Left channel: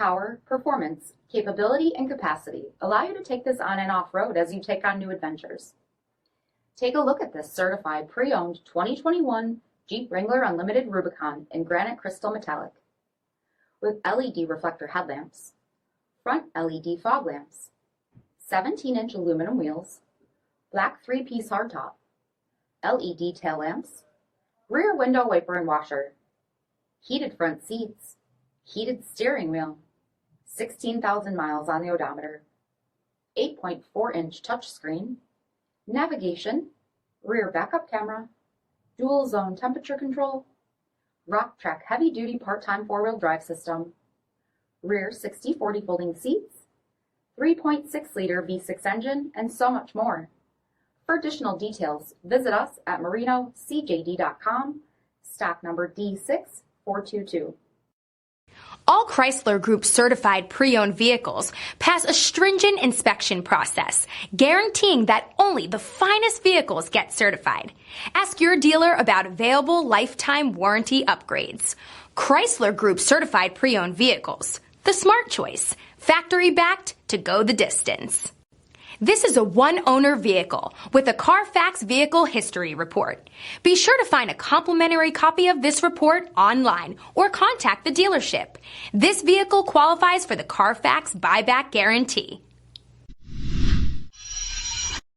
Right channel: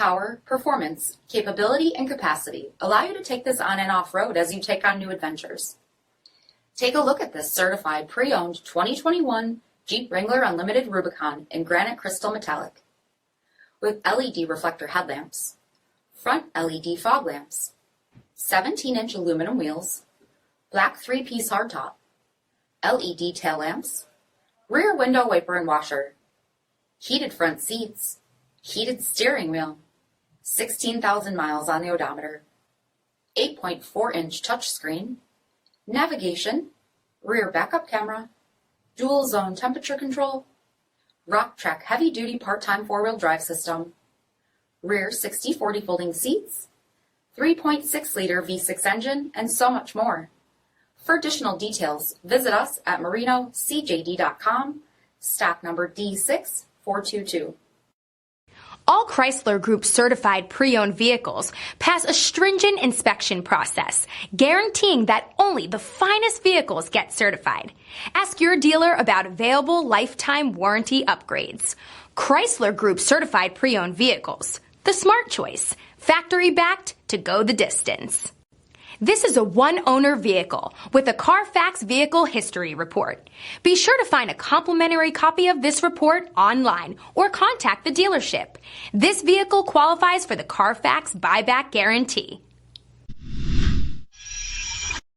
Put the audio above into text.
Power, performance, capability, and capacity allow you to take this on and off-road as you take on new adventures. Take a look at this certified pre-owned 2021 Jeep Wrangler Unlimited Rubicon in granite crystal metallic. With LED reflector headlamps, front LED fog lamps, 17-inch aluminum wheels, black 3-piece hardtop, LED tail lamps, rear window wiper and washer, heated front seats, heated steering wheel, 16,000 miles on the odometer, 8.4-inch touchscreen, navigation, rear backup camera, dual zone temperature control, Rock Track heavy-duty part-time four-wheel drive system, rear 60/40 folding seats, 3.6-liter V6 engine, and so much more. For additional details, visit us at marinocjd.com, stock number D6422. All Chrysler Group certified pre-owned vehicles pass a stringent inspection process, guaranteeing that only the finest vehicles get certified. Ask your dealer about available lifetime warranty upgrades. Chrysler Group certified pre-owned vehicles, the smart choice, factory backed to go the distance. This is a one-owner vehicle with a CARFAX vehicle history report. Be sure to find a complimentary copy of this report online or contact the dealership. This vehicle qualifies for the CARFAX buyback guarantee.